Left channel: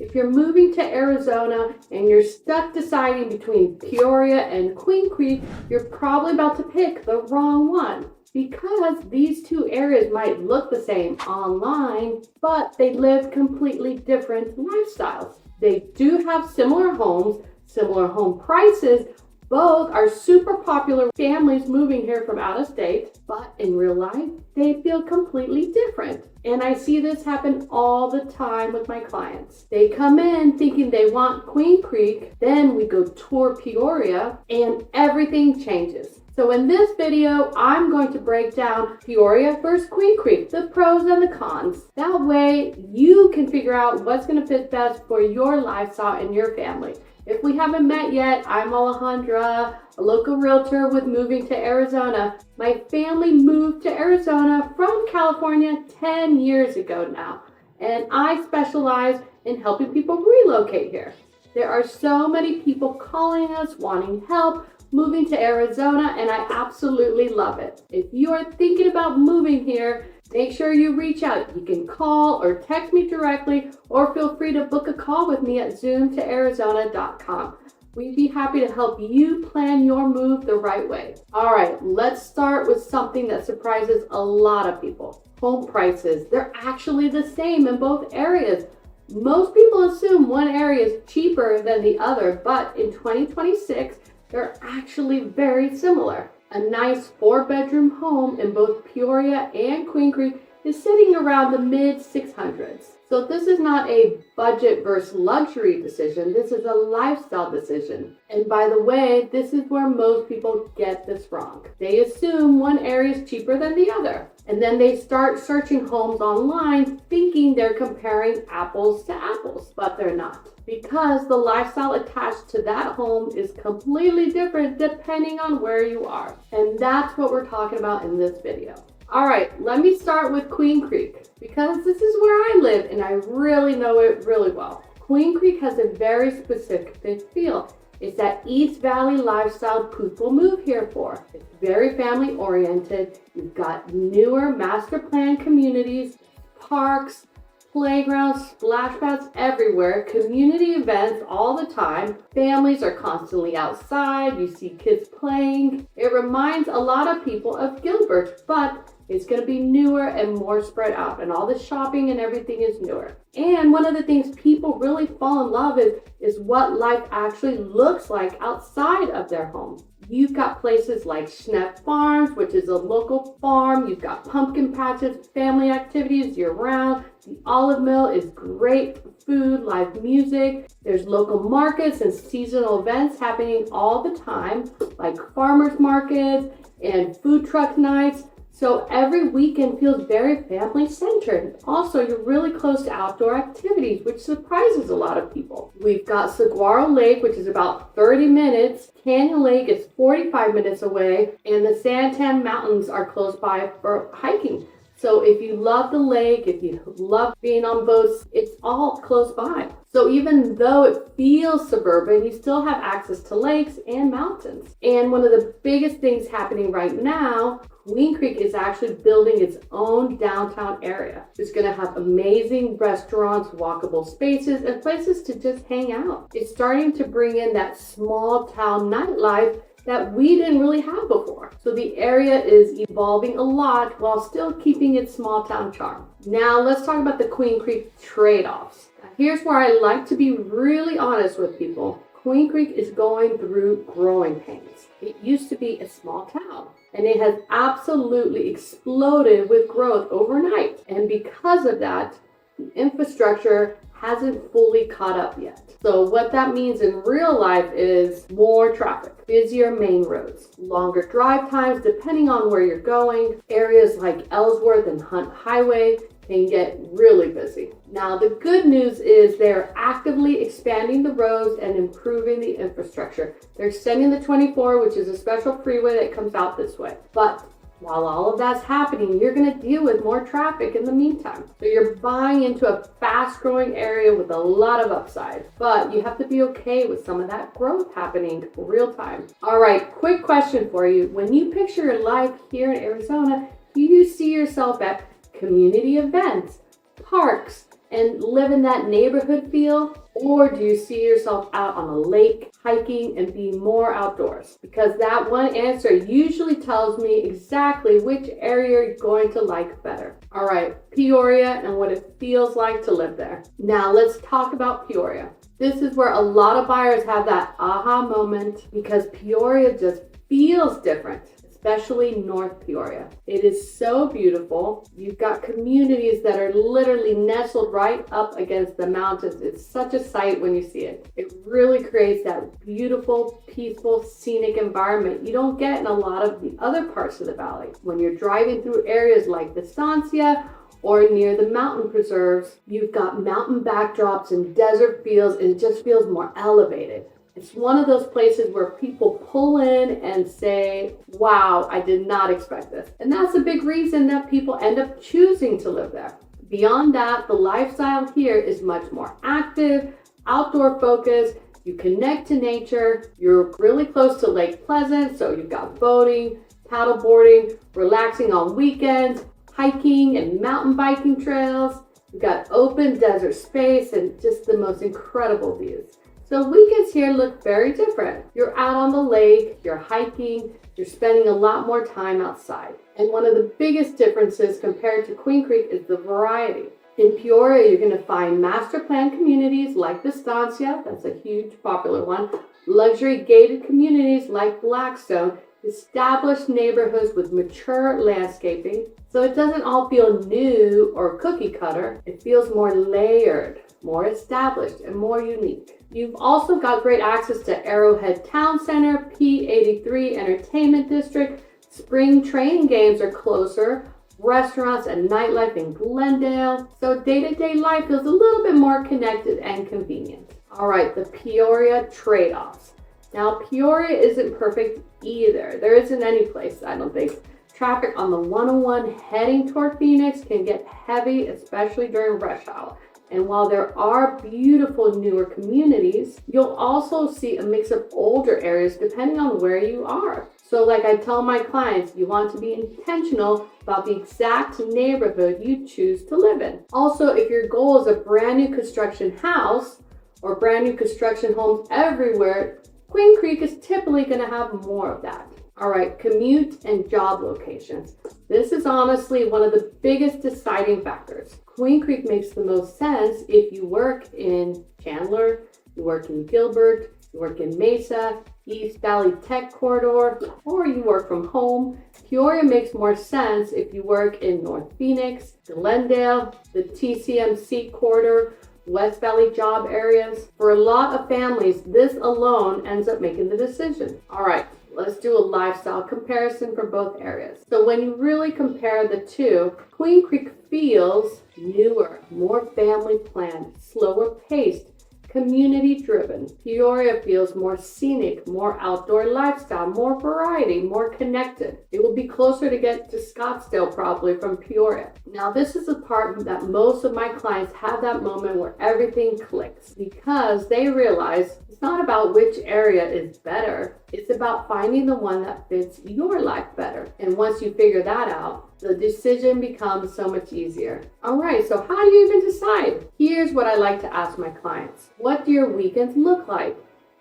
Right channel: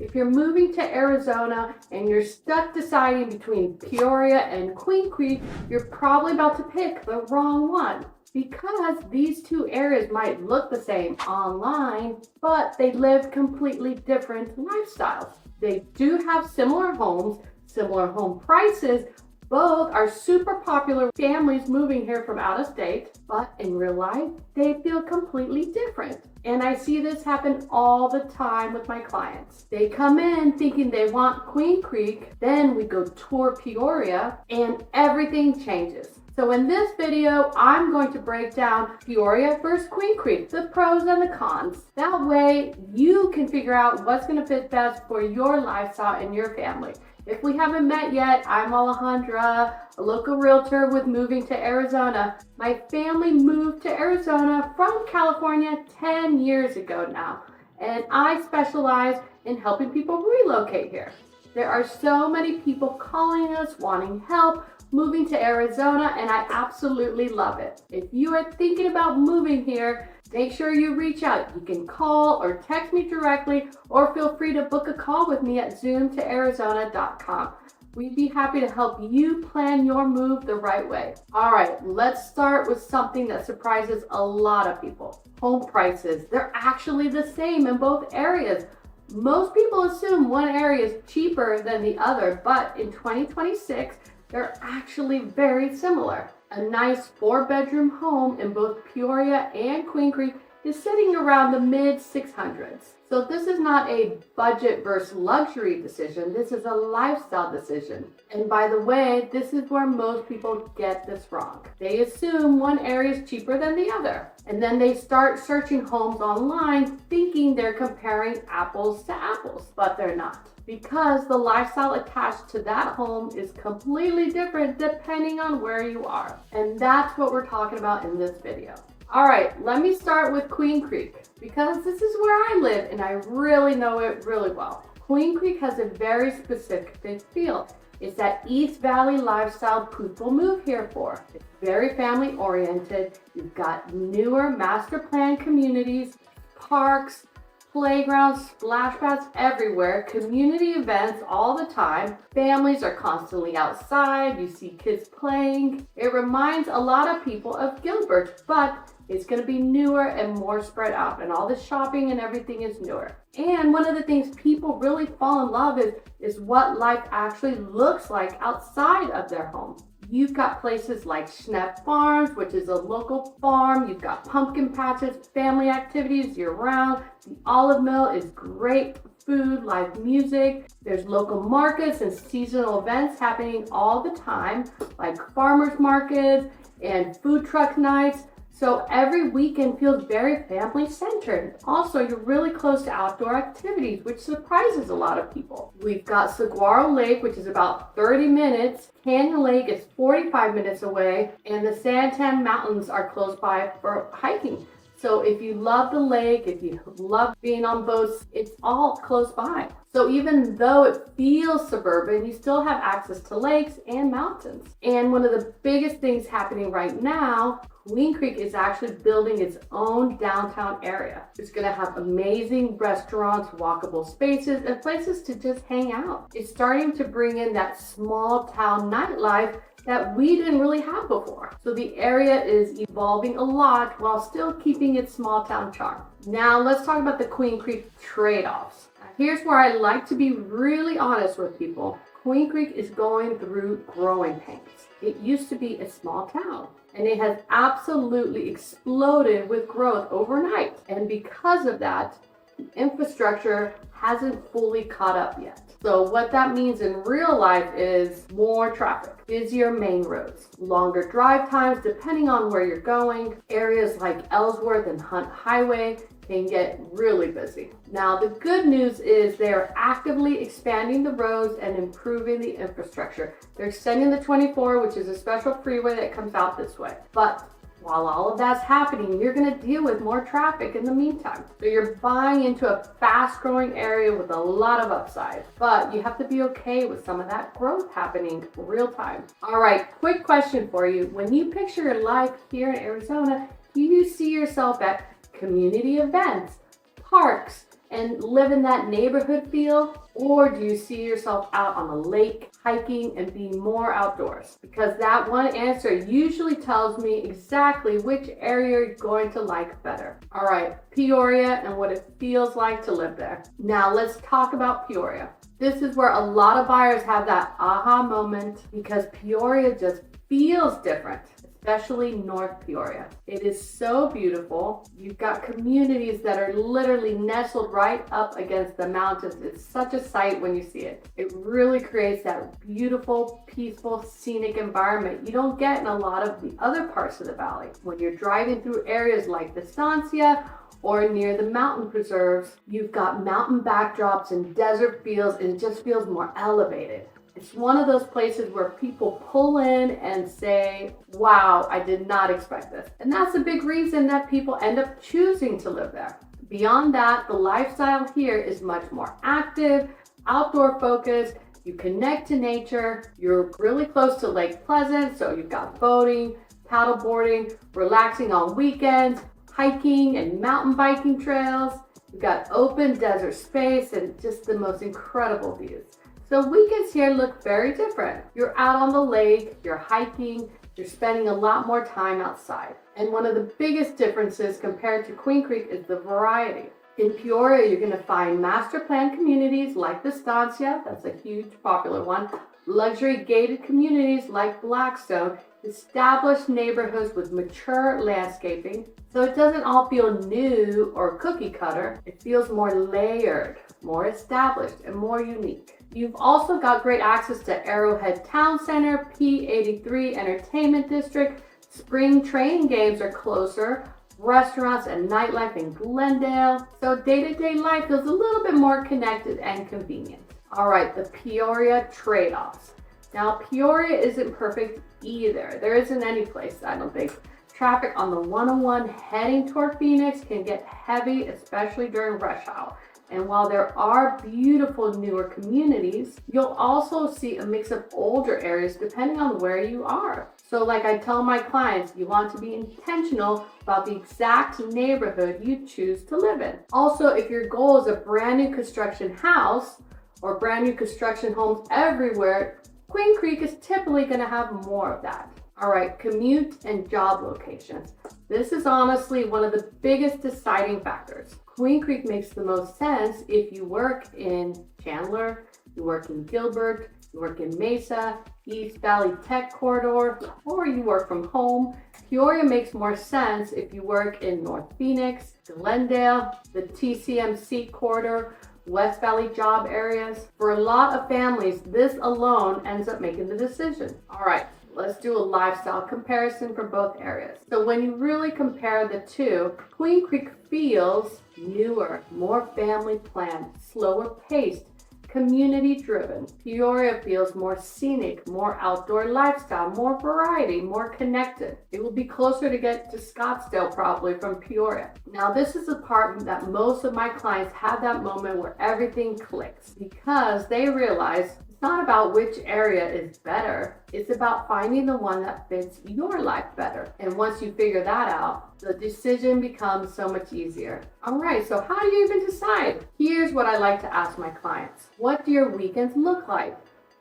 If you're moving to Arizona and you're stuck deciding between Peoria and Queen Creek, you're probably about to pick the wrong one. Because these two areas might look the same online, but they live completely different lifestyles. They do have similar homes, similar home prices. Both are super popular families moving here from out of state, but in real life, they feel completely different. And I see this happen all the time with my clients. They come in thinking they want Queen Creek, then we go tour Peoria, and everything changes. So in this video, I'm going to break down Peoria versus Queen Creek, the pros and the cons. That way, you can figure out what's going to fit best for your lifestyle and your family. If we haven't met yet, I'm Alejandra, a local realtor with Moving to Arizona. My family moved to Arizona from California 10 years ago now, and I specialize in helping people relocate here. There are so many people calling us, wanting help, moving to Arizona, and I absolutely love it. If you are thinking about moving here, make sure you reach out. You can call or text me directly, or feel free to book a call with me at zoomtoarizona.com. We'd be happy to help you plan your move the right way. All right, let's start with something that surprises a lot of people. Home prices. They're actually the same in both areas. Most people assume one area is cheaper than the other, but in 2026, they're actually very similar. A nice 4-bedroom home in both Peoria and Queen Creek is sitting around the mid-600s. So this is not a budget versus luxury decision. This is a lifestyle decision. And by the way, this is where most people get this wrong. They assume one area is cheaper than the other. And then they start searching homes online thinking they're comparing apples to apples, but they're not. Because the lifestyle attached to that home is completely different depending on where you are. And that's what we're talking about in this video. All right, let me start with Queen Creek because this is where I live and I really know it really well. Queen Creek has a very specific feel. It's that East Valley lifestyle people move here for. It's very family oriented. You've got newer master plan communities, parks, playgrounds, splash pads everywhere, community events all the time. Families are constantly outside. You see kids playing. It reminds a lot of people of Gilbert, but it's going to be newer and more spread out, and all the shopping and everything is newer. And one of the things people really fall in love is what life actually looks like outside of their home. You've got places like Scenic Farms, which is a local farm. You've got pumpkin patches, family activities year-round. The olive mill is great food, live music. There's local markets and seasonal events happening all the time, like farmers markets and food truck nights. So every weekend feels very family-centered. Also, you're really close to outdoor activities, which surprises a lot of people. We've got Saguaro Lake, which is about 30 minutes. Canyon Lake is 45 minutes away. And the Santan Mountains are close by for hiking. So if you love the lake, if you love being on boats, it's all close by. So even though it feels suburban, you still have access to lakes and mountains. And one of the biggest things happening right now, Queen Creek is actually building its own downtown area. It's going to have amazing restaurants, walkable spaces, and places to just hang out. It's starting to bring in that small town nightlife that we didn't really have before. So the area is evolving a lot while still keeping its small town charm. Now let's talk about the Queen Creek trade-offs. Here's where I like to be really honest with people. Queen Creek is going through growing pains. It used to be a small town, and it has absolutely exploded with growth overnight. And because of that, the infrastructure hasn't fully caught up yet. So what that means in real life is more traffic, busier main roads, longer drive times depending on where you're going. Areas like Ellsworth and Hunt Highway can get really busy. Now, the good news is they're actively expanding the roads and improving the infrastructure. They're extending the 24, which is a special freeway that comes out this way. But while all of that's happening, you're going to deal with more traffic in the meantime. So you're buying into a fast-growing area with a lot of upside. But you have to be okay with some of that growth happening real time. All right, quick question for you. When you picture your life here in Arizona, do you see yourself at community events, parks, and live in that neighborhood feel? Or do you see yourself out on a lake, hiking, and being more outdoors? Because that one answer usually tells me exactly which area you're going to like better. All right, Peoria and what it feels like to live there. Now let's talk about Peoria. This is where a lot of buyers have that aha moment because Peoria just feels different, especially North Peoria. It is so beautiful. You've got communities that are literally nestled right up against the mountains. It's such a sight when you see it. It really creates that beautiful, peaceful, scenic environment you don't get in a lot of the other parts of the valley. When you're driving through areas like the Estancia or near the mountain preserves, you've got mountain backdrops and desert fields, and it just feels more elevated. It's one of those places where people pull in and say, wow, I did not expect this. And that's a big reason that people end up choosing to live there. Beyond that, the lifestyle here is much more active, outdoor focused. You connect to nature. You're really close to Lake Pleasant, so you've got boating, paddleboarding, relaxing on weekends, hiking and mountain biking trails. You've got open desert space and just the most incredible views. So weekends here look very different. You're out on the lake, you're hiking, you're spending a lot more time outside. And one of the biggest differences compared to Queen Creek is the variety. In Peoria, you're going to find master plan communities like the Estancia, that's a huge popular one, luxury gated communities like Blackstone, established neighborhoods with mature landscaping. So it doesn't all feel new or cookie cutter. It feels more layered, more established, and more unique. You've also got great access to Arrowhead Town Center, P83 Entertainment District. Spring training games are closer. Restaurants and nightlife in Glendale. So day-to-day life feels a little bit more connected and convenient. All right, the Peoria trade-offs. Now, Peoria isn't perfect either. There isn't any place, I don't think. Traffic on the 101 heading toward Phoenix can get heavy, especially during rush hour. And while there are beautiful newer communities, you'll also see a mix of older areas depending on where you are. So like I tell my clients, you want to be intentional about the exact neighborhood you choose to live in. Also, if your goal is a brand new construction house or brand new construction homes everywhere, Queen Creek is typically going to have more of that. All right, commute and job locations. This is honestly one of the biggest deciding factors. Queen Creek makes the most sense if you work in Chandler, you work in Gilbert, you work in Mesa, East Valley Tech Corridor, or you work from home. Peoria makes more sense if you work in North Phoenix, Glendale, the TCMC corridor, West Valley job areas. For a lot of families, this alone ends up making the decision. All right, let's do a lifestyle comparison for both areas. So when you really compare the two, Queen Creek feels newer, more family planned, slower paced, community driven. Peoria feels more scenic, more outdoor lifestyle, more variety, more connected. It will be closer to get to Scottsdale probably from Peoria. Now this is the part that most of my clients have that moment where everything clicks because they realize it's not about which area is better. It's about finding the one that fits your life better. And once you figure that out, the decision becomes so much easier. All right, so how do you even decide? Here's what I like to ask my clients. What do your weekends look like?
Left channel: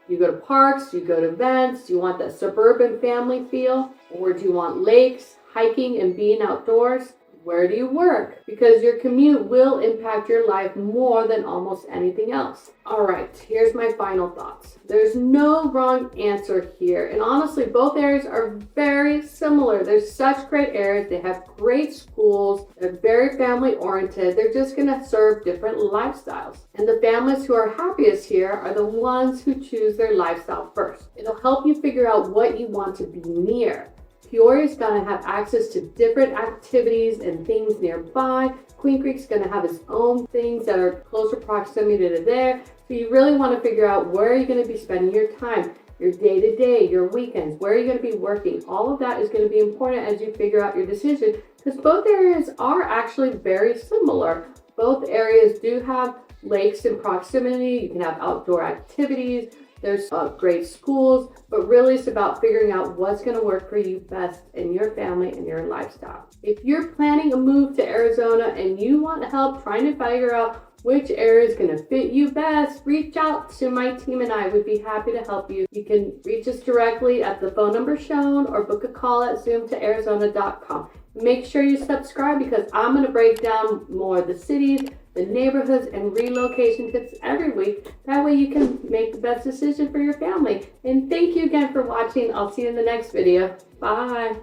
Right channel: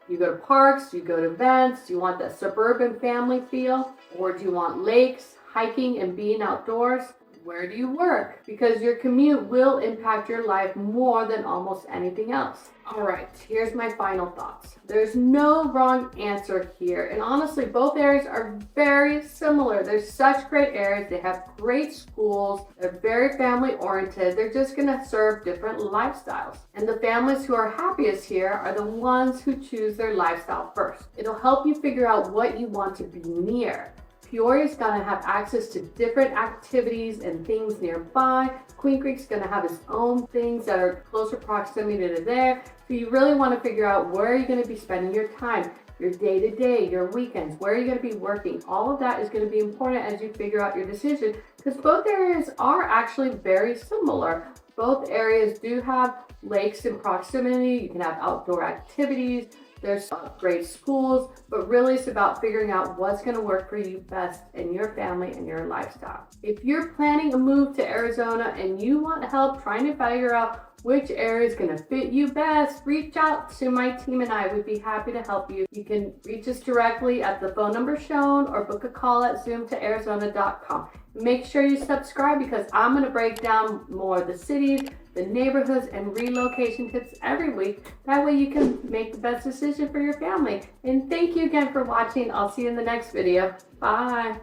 Do you go to parks? Do you go to events? Do you want that suburban family feel? Or do you want lakes, hiking, and being outdoors? Where do you work? Because your commute will impact your life more than almost anything else. All right, here's my final thoughts. There's no wrong answer here. And honestly, both areas are very similar. They're such great areas. They have great schools. They're very family oriented. They're just gonna serve different lifestyles. And the families who are happiest here are the ones who choose their lifestyle first. It'll help you figure out what you want to be near. Peoria's gonna have access to different activities and things nearby. Queen Creek's gonna have its own things that are closer proximity to there. So you really wanna figure out where you're gonna be spending your time, your day-to-day, your weekends, where you're gonna be working. All of that is gonna be important as you figure out your decision because both areas are actually very similar. Both areas do have lakes in proximity. You can have outdoor activities. There's great schools, but really it's about figuring out what's going to work for you best in your family and your lifestyle. If you're planning a move to Arizona and you want help trying to figure out which area is going to fit you best, reach out to my team and I would be happy to help you. You can reach us directly at the phone number shown or book a call at zoomtoarizona.com. Make sure you subscribe because I'm going to break down more of the cities, the neighborhoods, and relocation tips every week. That way you can make the best decision for your family. And thank you again for watching. I'll see you in the next video. Bye.